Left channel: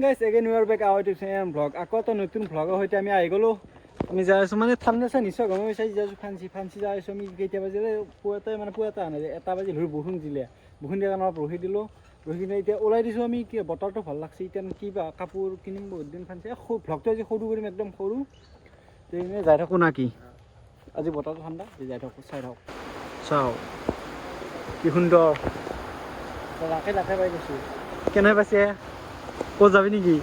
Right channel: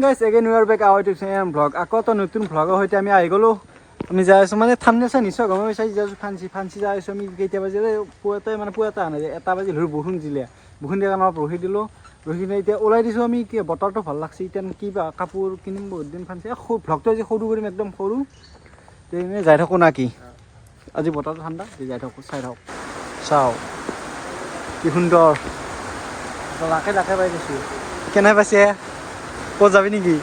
guys, again we are back our YouTube vlog. আকৌ তো নতুন vlogৰ সৈতে আমি আহি গলো। আমি যাই আছো মানে থামনেছা নিশ্চয় গম পাইছাই যাই ফান্সি যাই আছো আমি কেইটা বাজিলে পুৱাতে মানে পুৱাতে আনে এটা বাজি ধৰি বৰষুণ দিলে। বৰষুণ দিয়া কাৰণে ৰখি দিলো। ৰখি কিনে এতিয়া ওলাই দিছো আমি কি বতৰটো ভাল লাগছে এতিয়া কিবা কাপোৰ কিনিম বহুত দিন ফান্সি ভ্লগটো আজি সৰু কৰিম একদম সৰু। তেনে যাই থাকো না কি আজি বতৰটো ঠাণ্ডা যাই থাকো চাই থাকো চাও কি সুন্দৰ লাকে লাকে পাই গৈছো কেনে পাইছে ক'ত যাবি নেকি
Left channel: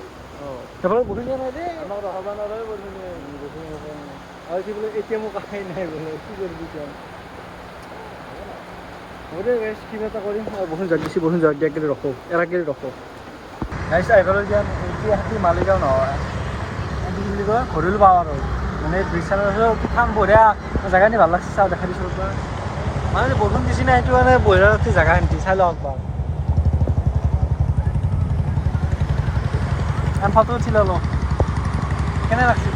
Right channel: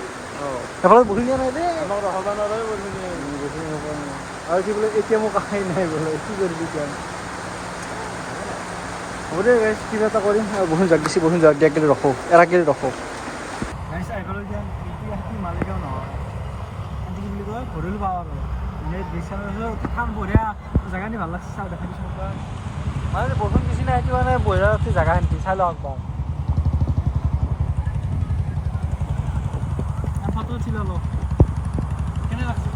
এফালে বহি দিয়া নাই দেই আৰু কি বোলে এতিয়া মোক আহাই নাই বোলে কি কৰিবি এতিয়া হ'ব দে গাইছ কিবা এটা কৰিম বৰষুণ জাক দিছে বৰষুণ জাক দিয়া কেলে ৰখো এৰাকেলে ৰখো গাইছ আহিবলৈ দিয়া এতিয়া হাতী মালিগাঁও নহয় কি বুলি কয় ঘৰিলো পাওঁ আৰু মানে বিশালৰ কিমান বঢ়িয়া জেগা নি ভাল লাগছে চাওঁ দেখা দিছোঁ মানে বৰষুণ দিছি না সেইটো মানে বঢ়িয়া লাগছে জেগা খিনি চাই লওঁ একবাৰ ফটো উঠি ললো কেনে লাগছে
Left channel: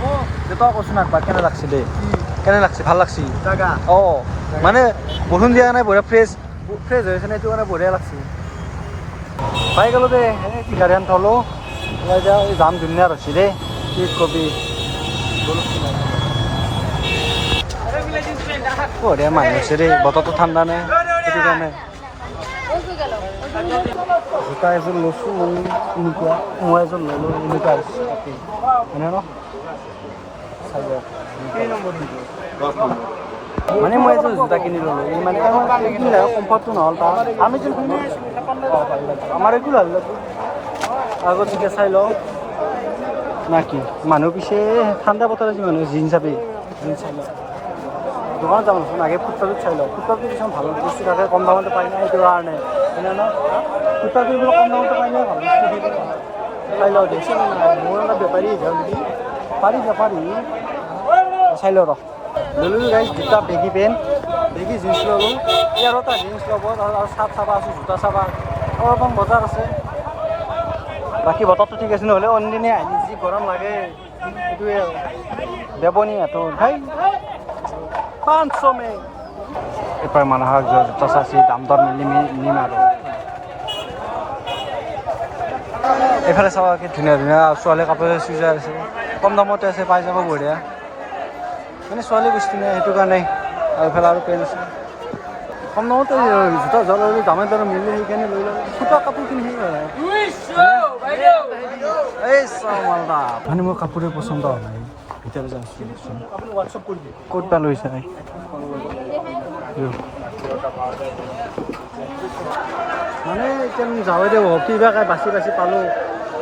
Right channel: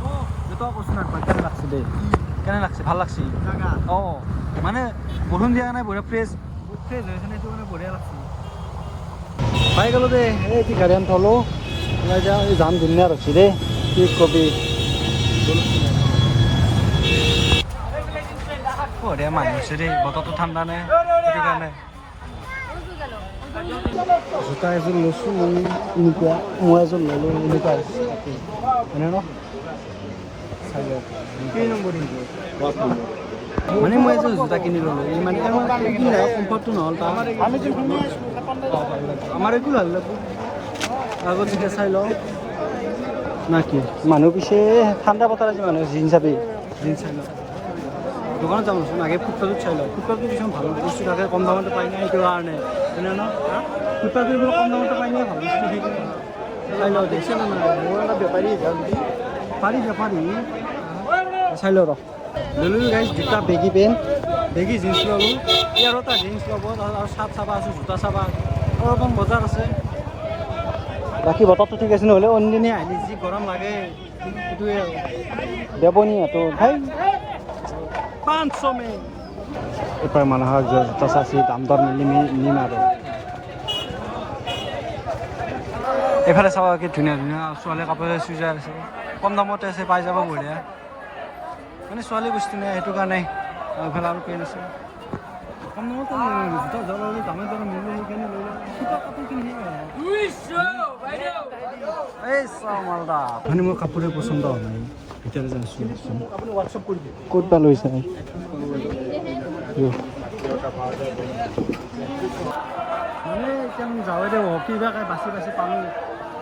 দেউতা কৈছো না একবাৰ কেনে লাগছে দেই কেনে লাগছে ভাল লাগছে জাগা মানে বৰষুণ দিয়া নাই বঢ়িয়া ফ্ৰেছ হৈছে না এইটো মানে বঢ়িয়া লাগছে পাই গ'লো দে এই টিকাৰিয়ান থলো ওলাই যাওঁ এই যাম ধুনীয়া ৰখছি দেই কি কবি বঢ়িয়া মানুহ আছে দেই বতৰটো ঠাণ্ডা নে সেইটো কাৰণে জোতা এযোৰ লৈছোঁ এনেকুৱা মই এযোৰ ল'লোঁ এনেকুৱা মানে ন মানে মই এযোৰ জোতা কিনি ল'লোঁ এই মানে এইখিনি কমফৰ্টটো নহ'ল তাৰ আমি আমাৰ একো ভাল লাগব আগত যেতিয়া চাই লওঁ না কি মানুহ পিছে ঠাণ্ডা বতৰ আছে মানুহ জিন্স চাবি জিন্স চাই লওঁ দোকানত যাম আগে ফুটপাথত চাই লওঁ ফুটপাথটো কিছুমান ভাল বস্তু থাকে কম দামতে পাই নাই সেইটো কাৰণে হয়নে ন ফুটপাথটো এইবিলাক কম দামতে পাই নাই ভাল বস্তু থাকে চাই লওঁ দেখিছে মোৰ অলপ বেপাৰী যাওঁ নেকি পাৰি চাই লওঁ ৰ ল'লোঁ গাইছ দুটা বেগী পেণ্ট বেগী জিন্স ল'লোঁ ইয়াৰ এটা জিন্স ল'ব আৰু চাৰ্ট চাবা আছে জোতা চাবা অলপমান বজাৰ আছে বাকী বতৰটো ঠিক আছে নহ'লে অন্যদিনে আহিলে যি গৰম লাগে সেইটোৱে বেবনী সিহঁতৰ ভাই 500 में এপাৰ মানুহৰ জোতা চাইছে দাম দৰ নিম আৰু এইফালে চাব কি ধুনীয়া ধুনীয়া ছোৱালী কাপোৰ চুইজাৰ আছে কম দামতে আছে পাই যাব বঢ়িয়া মানে ছোৱালী বস্তু নাই সেইটো কাৰণে আৰু এইফালে আৰু পেণ্ট আছে কম দামতে জোতা জল দামে দৰে মিলি সেইকাৰণে লৈ লওঁ চোতা কাপোৰখিনি এই চাওঁ মালদা মানে মোৰ কাপোৰে পচন্দ হোৱা নাই ভিতরে যাচ্ছি ক'ত বা লৈছে মানে এতিয়া যাওঁ দে কিবা বাচি পালোঁ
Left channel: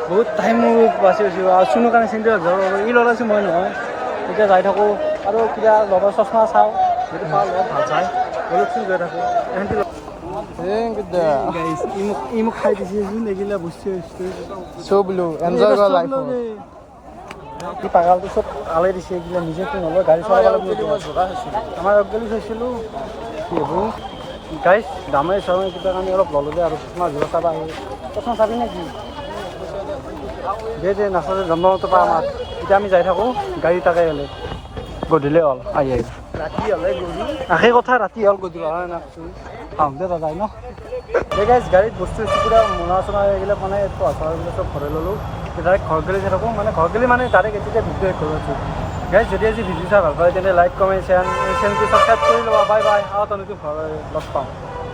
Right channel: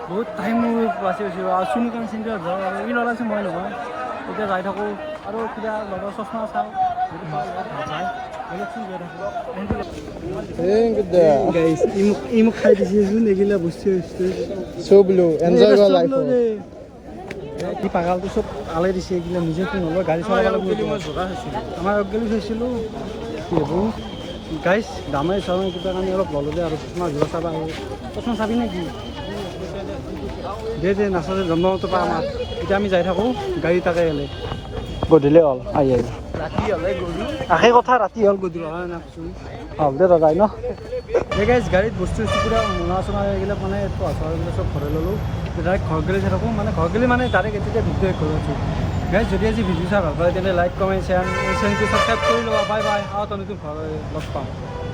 বহুত টাইম বাচি আৰু চুনৰ কাৰণে চিন্তা ই লগাইছোঁ মই নহয় এতিয়া যাই থাকোঁ আৰু কিবা লগৰ চশমা চাওঁ যদি পাওঁ লগত ভাল চাই অলপচোন গৈ থাকোঁ ই মোক খাই দিছেচোন এইগিলা বস্তু কি পাগালটো চব আলাই দিছে এইগিলা নিজে কি নলয় গাড়ী চলাব আমাৰ অগগালি চাইছিলোঁ কি এইবোৰ গাইছ দামে চাওঁ কিবা কাৰণে অলপ ল'লোঁ দে আৰু চশমা জোৰা চাবা চশমা চাবি নেকি দে নাচালে জন্মতো পা আমাৰ এতিয়া আমি যাই থাকোঁ গাড়ী তাকে গ'লে গধূলি হ'ল আহি সেই কথা ৰাতি হ'ল গধূলি হয় না কৈছোঁ ভাল দে দাদাই ন এই গাইছ গাড়ীত বস্তু পূৰা মোনা চোনা এইবিলাক মানে এইবিলাক চব ঘৰে ল'লোঁ ডাইৰেক্ট ঘৰ গ'লে যাই থাকোঁ মানে ঘৰ গ'লে মানে ডাইৰেক্ট এতিয়া ভিডিঅ' কৰিব আছোঁ গাইছ যদি আজি ভিডিঅ' চাই ভাল পায় তেন্তে লাইক কমেণ্ট চেনেলটো ছাবস্ক্ৰাইব কৰি ল'বা বাই বাই আৰু নতুন লগ পাওঁ